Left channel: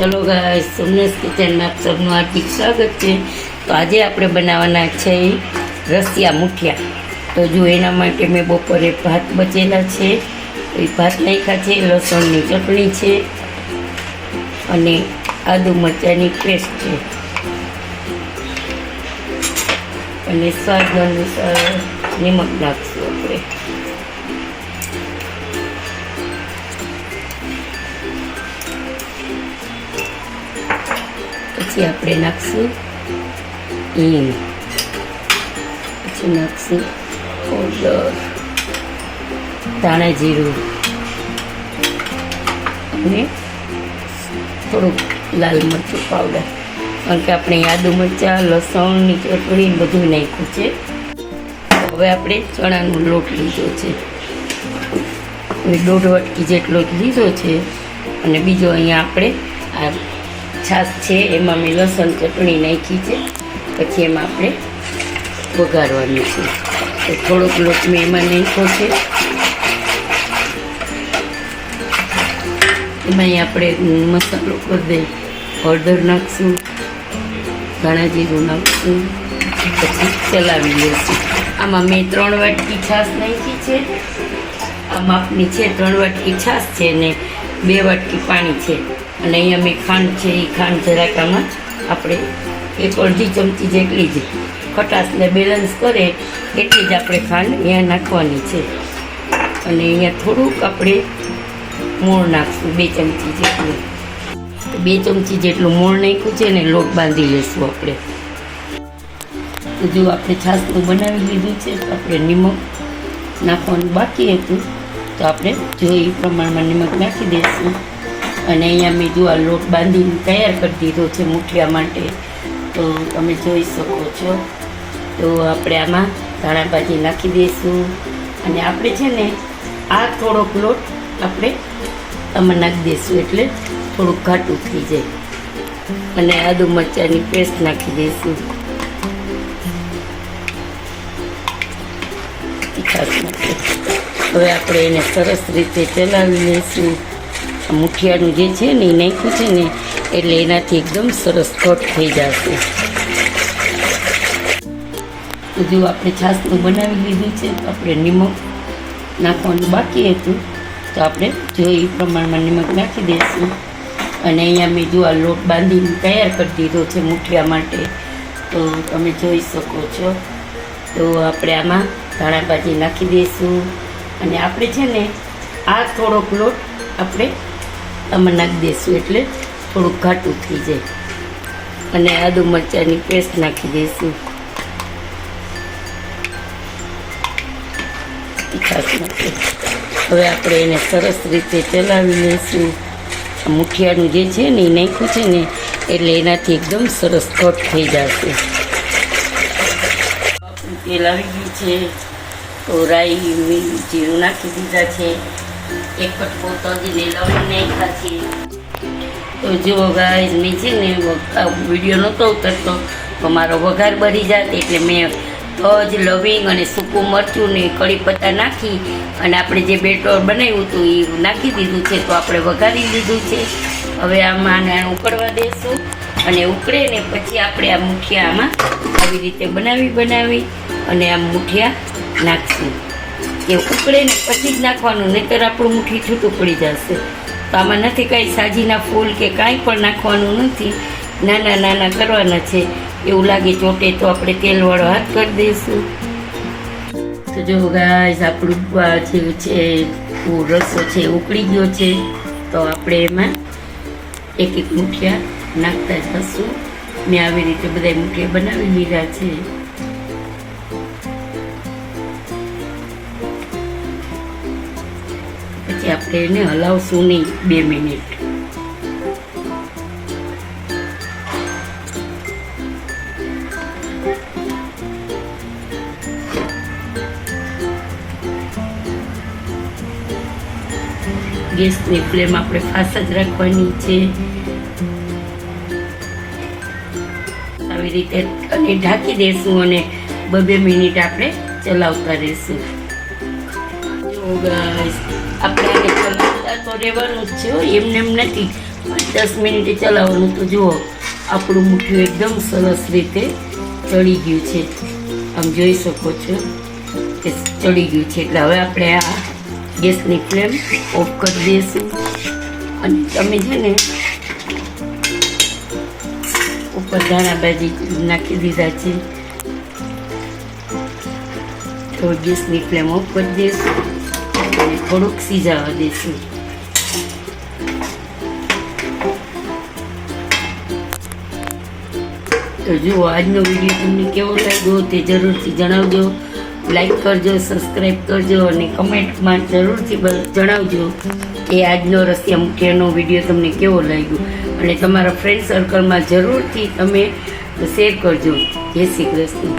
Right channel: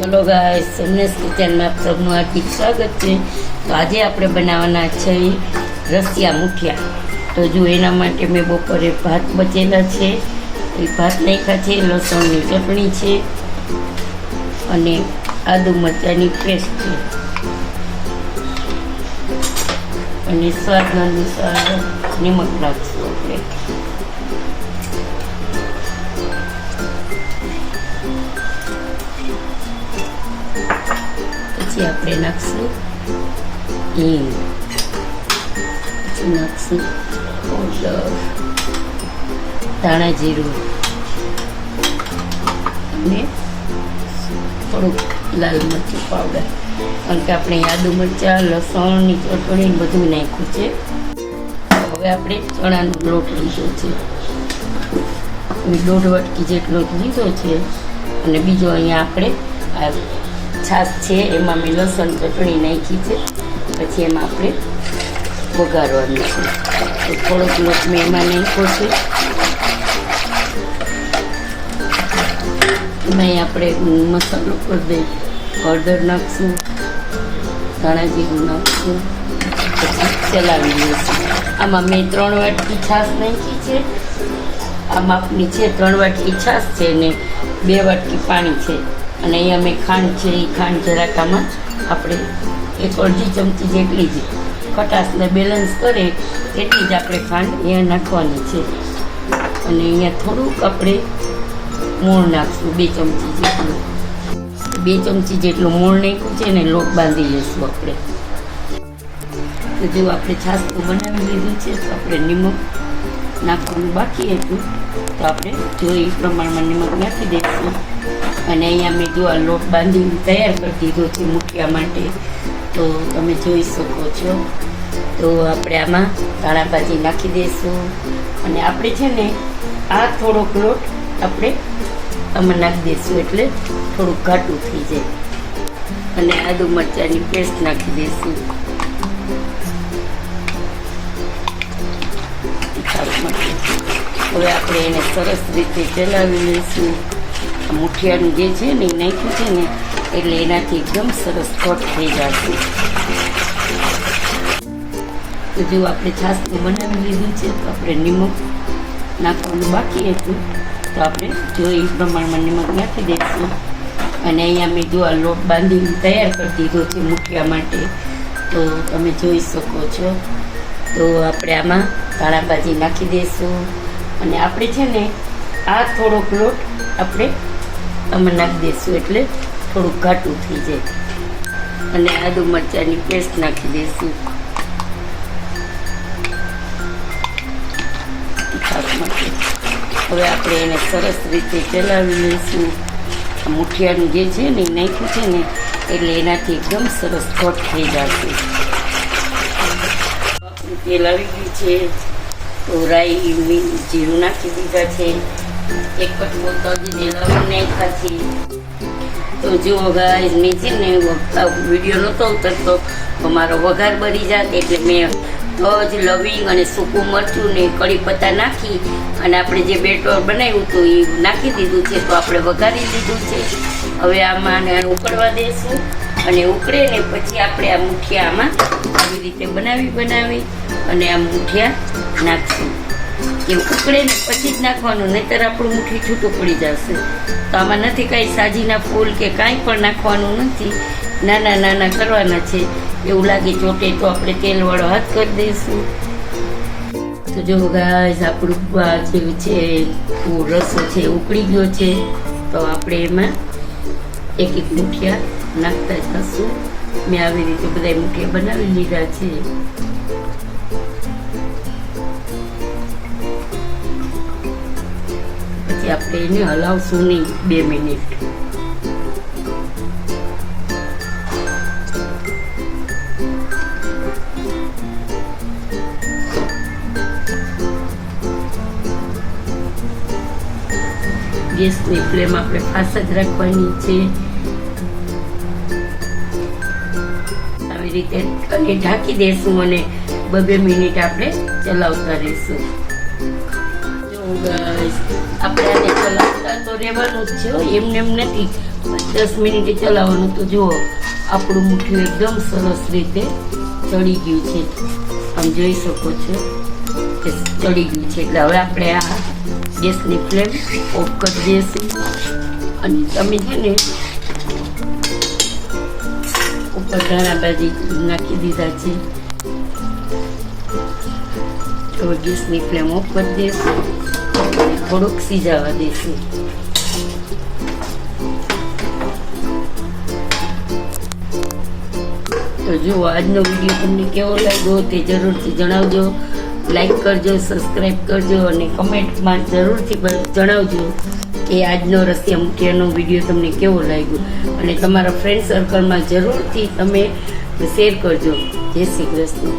चलो guys, Somnath kitchen में आप सबનું हार्दिक સ્વાગત છે। તો આજે આપણે બનાવવાના છે રસિયા મુઠિયા। તો જો એના માટે મેં બપોરે ભાત બચેલા છે, એ ભાત નાખ્યા છે, લસણની ચટણી છે અને આદુ મરચાંની પેસ્ટ છે અને સ્વાદ અનુસાર નિમક નાખશું આપણે। પછી આપણે નાખશું હિંગ, પછી નાખશું પાવડર, ધાણા જીરું અને થોડુંક લાલ મરચું પાવડર, કારણ કે આપણે આદુ મરચાં, લસણની ચટણી બધું નાખ્યું છે। હવે આપણે ચણાનો લોટ લીધો છે, 1.5 વાટકી જેટલો લીધો છે અને બીજો અહીંયા આપણે આ છાશ છે એમાં મેં લસણ ચટણી નાખી છે। પછી એમાં આપણે વઘારવાનું છે, તો થોડોક લોટ મેં એમાં નાખ્યો છે। એમાં આપણે મસાલો કરી દઈ, હળદર નાખશું, ધાણા જીરું નાખશું, પછી ચલાવી લઈશું। આમાં મેં 3 વાટકી છાશ નાખી છે, આ માપની છે, 3 વાટકી છાશ છે ને 2 વાટકી પાણી છે અને અહીંયા મેં ખાંડ છે, એ ખાંડ જરાક આમાં આપણે 1 ચમચી જેટલી જ ખટાશને બેલેન્સ કરે એટલી જ આપણે ખાંડ અહીંયા નાખવાની છે અને અહીંયા થોડુંક આપણે મૂળ નાખશું, 2 ચમચી જેટલું, 2 ચમચી જેટલું મૂળ નાખ્યું છે ને લોટ બાંધી લઈશું આપણે। જો આપણે છાશનું બનાવી લીધું છે તો આપણે નિમક નાખવાનું બાકી હતું, તો આપણે જો એ પ્રમાણમાં નિમક નાખી દઈશું અને અહીંયા મેં જો આ લોટ બાંધીને તૈયાર કરી દીધો છે મુઠિયા માટે, તો તમે જોઈ શકો છો। તો આપણે આમાં ધાણા ભાજી નાખી દઈશું અને આપણે છે ને આ થોડોક લોટ આપણે આમાં નાખી દઈશું એટલે થોડુંક ઘાટું થઈ જાય અને આદુ મરચાંની પેસ્ટ નાખી દઈશું તીખાસ માટે। હવે આપણે એને સરસ રીતે ચલાવી લઈશું। મુઠિયાનું જે છે ને એ નાખ્યું છે ને એટલે એનાથી એકદમ સરસ ઘટ થઈ જશે। જો આપણે છાશનું બનાવી લીધું છે તો આપણે નિમક નાખવાનું બાકી હતું, તો આપણે જો એ પ્રમાણમાં નિમક નાખી દઈશું અને અહીંયા મેં જો આ લોટ બાંધીને તૈયાર કરી દીધો છે મુઠિયા માટે, તો તમે જોઈ શકો છો। તો આપણે આમાં ધાણા ભાજી નાખી દઈશું અને આપણે છે ને આ થોડોક લોટ આપણે આમાં નાખી દઈશું એટલે થોડુંક ઘાટું થઈ જાય અને આદુ મરચાંની પેસ્ટ નાખી દઈશું તીખાસ માટે। હવે આપણે એને સરસ રીતે ચલાવી લઈશું। મુઠિયાનું જે છે ને એ નાખ્યું છે ને એટલે એનાથી એકદમ સરસ ઘટ થઈ જશે। તેલ આવી ગયું છે, તો રાઈ, જીરું નાખી દીધા છે, 1 કટકો તજી લસણ નાખ્યા છે। તો જો ગાઈસ, મેં છે ને વિડીયો નહોતો ઉતરતો તો મારો વઘાર બળી જાત એટલે મેં તજ, લવિંગ અને સૂકું મરચું ને કળી પત્તા નાખી અને આપણે જે બેટર બનાવ્યું હતું એ નાખી દીધું છે, તો આપણે વઘારી લીધું છે। હવે આમાં ઉકળવા દઈશું અને ઉકળે ને પછી આપણે આ મુઠિયા આમાં આવી રીતે બનાવી અને આ મુઠિયા નાખશું। એ ઉકળે ને પછી જ નાખવાનું, નહીંતર આપણું મુઠ્ઠી છૂટું પડી જશે। તો આમાં નથી કાંઈ સાજીના ફૂલ કે કાંઈ પણ નાખવાનું નથી, નાના નાના કરવાના છે। એવું લાગે ચોટે તો આપણે તેલવાળો હાથ કરી દઈશું। તો જો ગાઈસ, આપણું જેવું છે રસો છે ઉકળી ગયો છે, તો આપણે એમાં 1 મુઠિયા નાખતા જશું। મેં આવી રીતે બધા મુઠિયા બનાવી લીધા છે। પછી આપણે એને હલાવશું નહીં 2 મિનિટ। ગેસની ફ્લેમ આપણે ફાસ્ટ જ રાખવાની છે, આવી રીતે અને ઢાંકી દઈશું અને 2 મિનિટ આપણે ચલાવતા રહીશું। જો ગાઈસ, આપણે આને ચલાવતા તો રહેવાનું જ છે, એમને એમ નથી 10 મિનિટે ચલાવવાનું. તો જુઓ આપણું મુઠિયું એકદમ સરસ રીતે ચડી ગયું છે. આમ જોઈ શકો છો કે ચડી ગયું છે. એટલે હવે આપણે આ ગેસની ફ્લેમ ઓફ કરી દઈશું. અને તમે છે ને ઉપર ધાણા ભાજી નાખી દીધા છે. હવે ગેસની ફ્લેમ ઓફ કરી દઈશું અને થોડુંક સિઝાવા દઈશું. તો જુઓ આજનો વિડીયો તમને કેવો લાગ્યો તે જરૂરથી જણાવજો. લાઈક કરજો, સબસ્ક્રાઈબ કરજો અને કમેન્ટમાં જરૂરથી જણાવજો કે આજનો રસિયા મુઠિયાનો વિડીયો તમને કેવો લાગ્યો. અને તમારા ફ્રેન્ડ સર્કલમાં જરૂરથી તમે શેર કરજો. જય શ્રી કૃષ્ણ.